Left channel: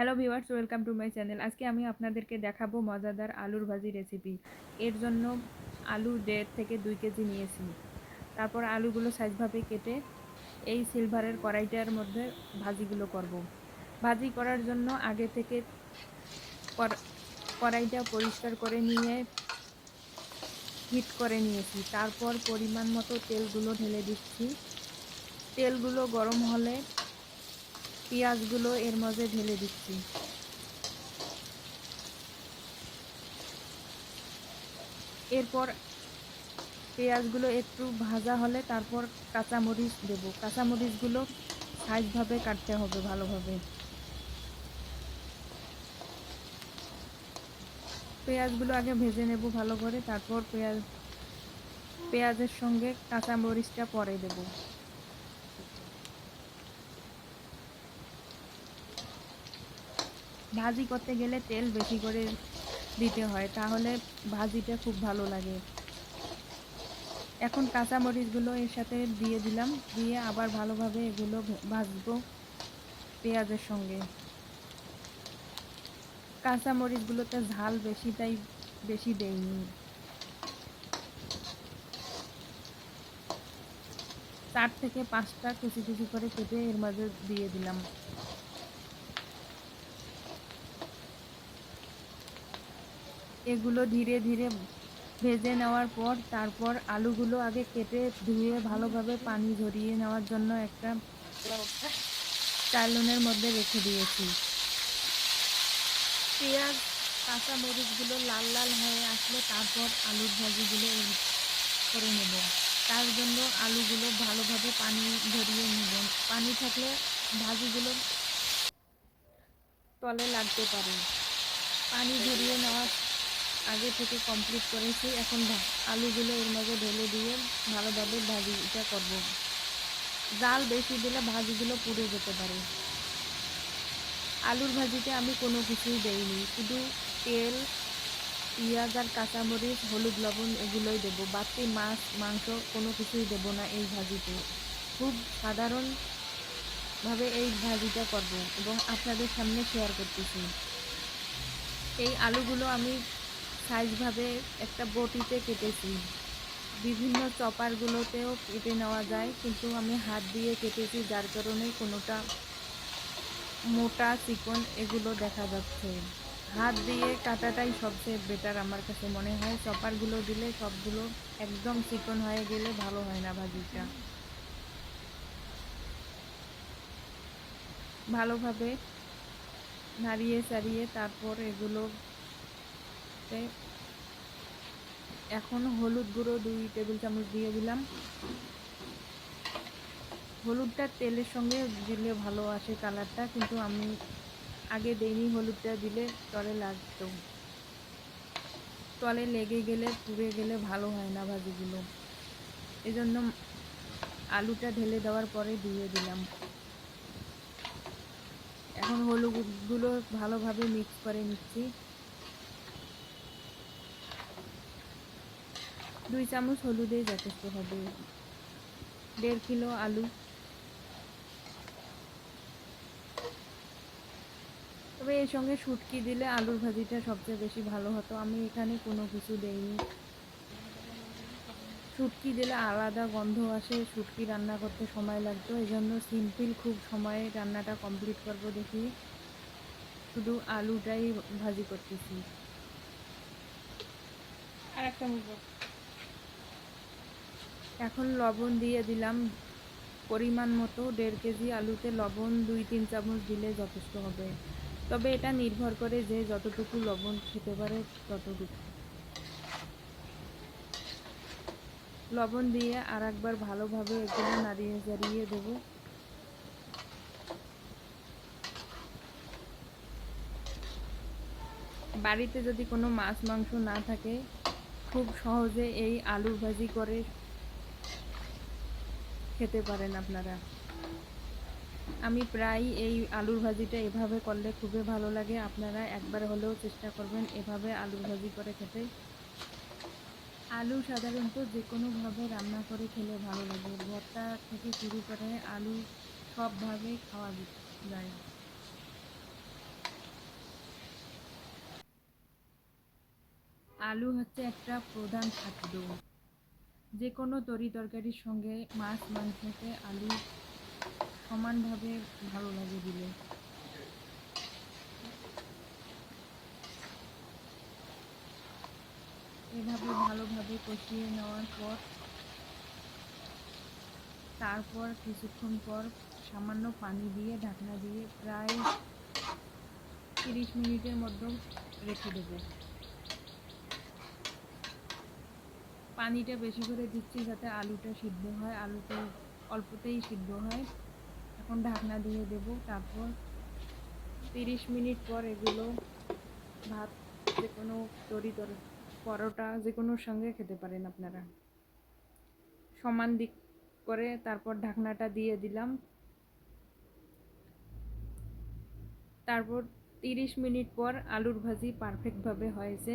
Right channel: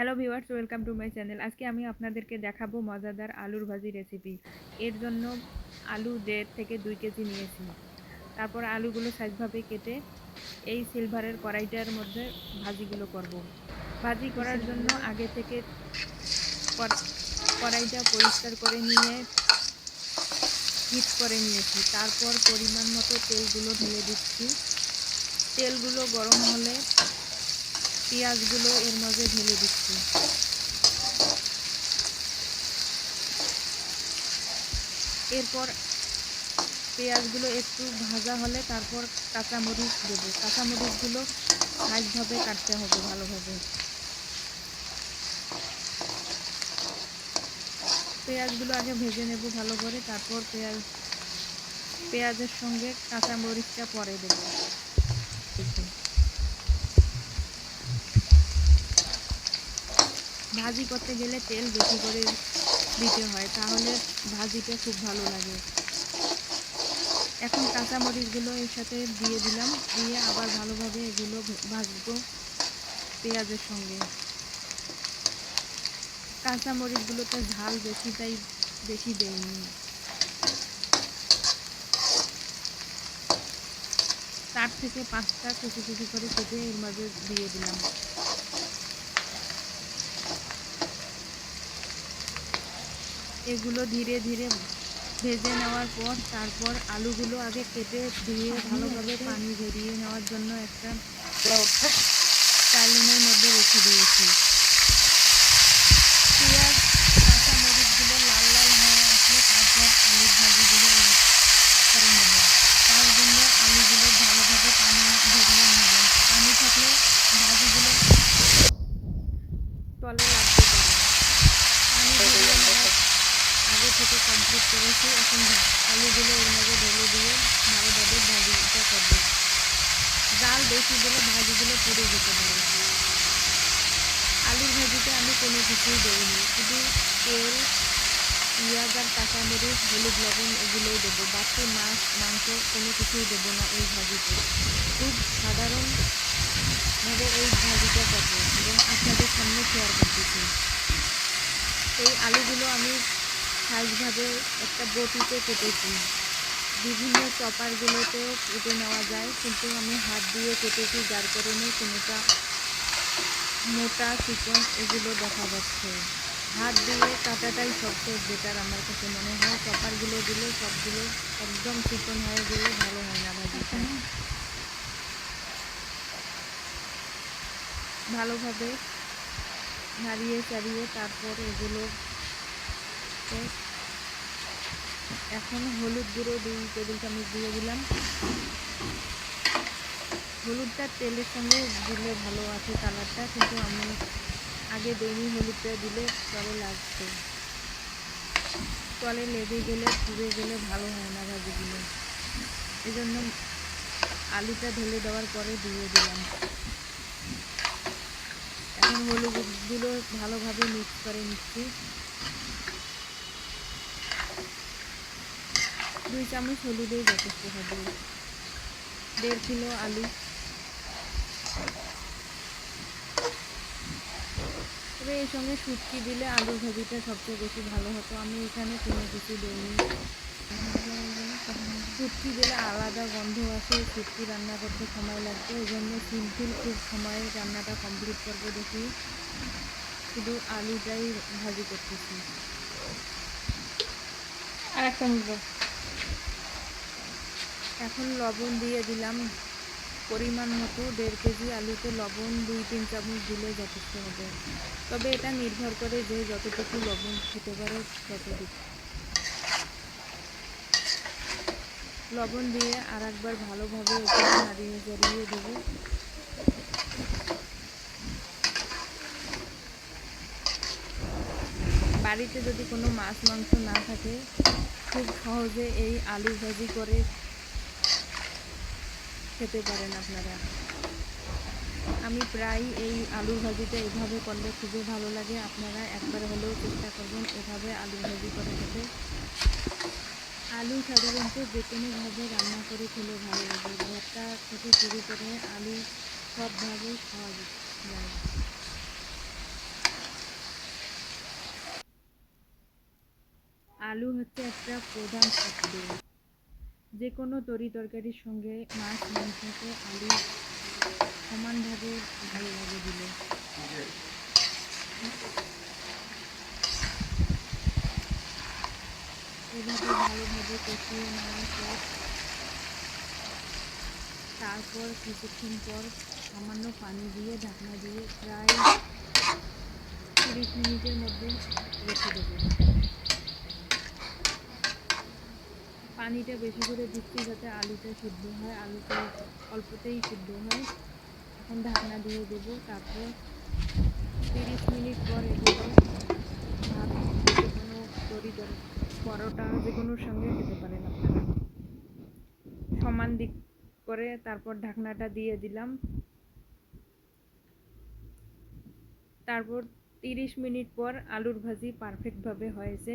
Hello viewers welcome to my channel আজকে আমি আপনাদেরকে দেখাবো মজাদার আলুর ভাজি রেসিপি এর জন্য আলু দেড় থেকে দুই কেজি নিয়েছি। তারপর আলুগুলো সাইজভাবে কেটে এই সিলভারের কড়াইটার মধ্যে ভাজিগুলো করব। ভাজি করার জন্য আগে থেকে কড়- কড়াইটা পরিষ্কার করে নিয়ে হিট করে নিয়েছি। তারপর পরিমাণ মতো তেলগুলো ঢেলে দিচ্ছি। তেলগুলো গরম হলে পেঁয়াজগুলো এর মাঝে ঢেলে দিচ্ছি। এরপর পেঁয়াজগুলো একটু ভাজা হলে তারপর কাঁচামরিচ দেবো। কাঁচামরিচগুলো সাইজভাবে কাটতে হবে ভালোভাবে। পেঁয়াজগুলো আগে ভেজে নেব ভালো করে, তারপর পেঁয়াজ, পেঁয়াজের সঙ্গে কাঁচামরিচটা পরে দেবো। ভাজি করতে গেলে তেল বেশি করে দিতে হয়, তাহলে ভাজিটা খুব ভালো লাগে। এখন কাঁচামরিচগুলো এর সাথে দিয়ে দিলাম, দিয়ে আবার ভালোভাবে এগুলো ভাজবো পেঁয়াজের সঙ্গে। কাঁচামরিচগুলোতে ঝাল বেশি, তাই বেশি দেয়নি চার থেকে পাঁচটা কুচি কুচি করে কেটে এর মাঝে দিয়ে দিলাম। এগুলো ধীরে ধীরে ভেজে নেওয়ার পর তারপর আলুগুলো আগে কেটে ধুয়ে ভালোভাবে পানি ঝরিয়ে নেওয়ার জন্য একটা চাইলনের মধ্যে রেখে দিয়েছি। পেঁয়াজ, কাঁচা মরিচগুলো লাল লাল হয়ে আসলে তারপর আলুর ভাজিগুলো করে নেব। তার জন্য আলুগুলো ভালোভাবে পানি ঝরিয়ে নেবেন পানি থাকলে ভাজিগুলো তলে লাগতে পারে। পানি ঝরিয়ে আগে থেকে কমপ্লিট করেছি। এখন আলুগুলো এর মধ্যে ঢেলে দিয়ে ভালোভাবে ভাজিটা করব। জাল বেশি দিলে ভাজিগুলো পুড়ে যেতে পারে। আলুর ভাজিতে আমি কোনো কিছুই দেইনি। শুধু তেল, পেঁয়াজ আর কাঁচামরিচ, হলুদ লবণ এগুলোই দেবো। বাকি মাছ, মাংস কোনো কিছুই দেবো না এই ভাজিতে। খুব সাধারণভাবে এই ভাজিটা করব এবং আপনাদের সামনে শেয়ার করতেছি। এই আলুগুলো আমি সাইজভাবে একটা বটিতে কেটেছি। বিভিন্ন চপারগুলোতেও কেটে নেওয়া যায়, কিন্তু আমি হাত দিয়ে কেটেছি, যার কারণে কোনোটা মোটা চিকন এগুলো দেখা যাচ্ছে। হাত দিয়ে কাটাটাই সবচেয়ে বেটার আমার কাছে মনে হয়। চপারগুলো দিলে সবগুলো একদম চিকন হয়ে গেলে ভালো হয় না ভাজিটা। ভালোভাবে নাড়িয়ে চাড়িয়ে তারপর এগুলো এখন হলুদ গুঁড়ো দুই টেবিল চামচ দিয়ে দিলাম। হলুদটা তেলের সঙ্গে দিলে ভালো আছে কালারটা, কিন্তু আমি আগে দেইনি হলুদটা দিলে তলে লাগতো তলে লেগে গেলে, পুড়ে গেলে ভালো হয় না ভাজিগুলো। এজন্য আলুটা ঢেলে দেওয়ার পরে দিয়ে দিলাম। এখন হলুদগুলো ভালোভাবে মিক্স করে নিচ্ছি। দুই চামচ হলুদেই যথেষ্ট হবে। দেড় কিলো আলু। তবে এর সঙ্গে শুটকি দিলে আলুর ভাজিটা সবচেয়ে বেশি ভালো হতো। আমি এখানে কোনো কিছু দিইনি। শুটকি দিলে আলাদা গন্ধ আসে, শুটকি রান্না করতে সময় লাগতো। এই জন্য সিম্পল খুব সময়ে রান্নাটা কমপ্লিট করব দেখি। শুধু আলুটাই ভাজি করতেছি। আর এক চামচ দাও। এখন লবণ দিয়ে দিলাম পরিমাণ মতো, দেড় কেজি আলুতে লবণ, দুই, তিন চামচ দিলে যথেষ্ট হবে। তবে এটা নির্ভর করে যে যতটুকু লবণ খেতে পারে ততটুকু। লবণ দিয়ে আর একবার ভালোভাবে এগুলো নাড়িয়ে জারিয়ে দেবো। বাড়িতে যদি কোনো মাছ, মাংস না থাকে, খুব সহজে এই আলু ভাজি করে খেতে পারেন আপনারা। আমি প্রায় এই আলুর ভাজিটা এভাবে করলে খুবই ভালো লাগে। আপনারা একবার হলেও চেষ্টা করবেন এভাবে আলুর ভাজি করে খেতে। আলু সাধারণত যে কোনোভাবে রান্না করে খেলে ভালো লাগে। ভর্তা থেকে শুরু করে আলু সবভাবে খাওয়া যায়। আলু হচ্ছে একটা প্রধান খাদ্য। যে কোনো তরি তরকারির সঙ্গে মাছ, মাংসকে আলু সমানভাবে ভালো লাগে দিলে। এভাবে ভালোভাবে কষিয়ে নেওয়ার পর, তারপর কিছুক্ষণ পর সামান্য পানি দিয়ে ঢাকনা দিয়ে প্রায় তিরিশ মিনিটের মধ্যে রেখে দেবো। পানিটা বেশি করে দিচ্ছি যাতে আলুটা সিদ্ধ হয়। আলুটা অল্পতেই সিদ্ধ হয়। এখন ঢাকনা দিয়ে দেব। তারপর তিরিশ মিনিট পর এগুলো ভাত যে কোনো তরি পরোটা যে কোনোর সঙ্গে খেতে পারেন আপনারা। সমান দিক করে তারপর ঢাকনাটা দিয়ে দিলাম। তারপর তিরিশ মিনিট পর আলুর ভাজি পারফেক্টভাবে হয়েছে।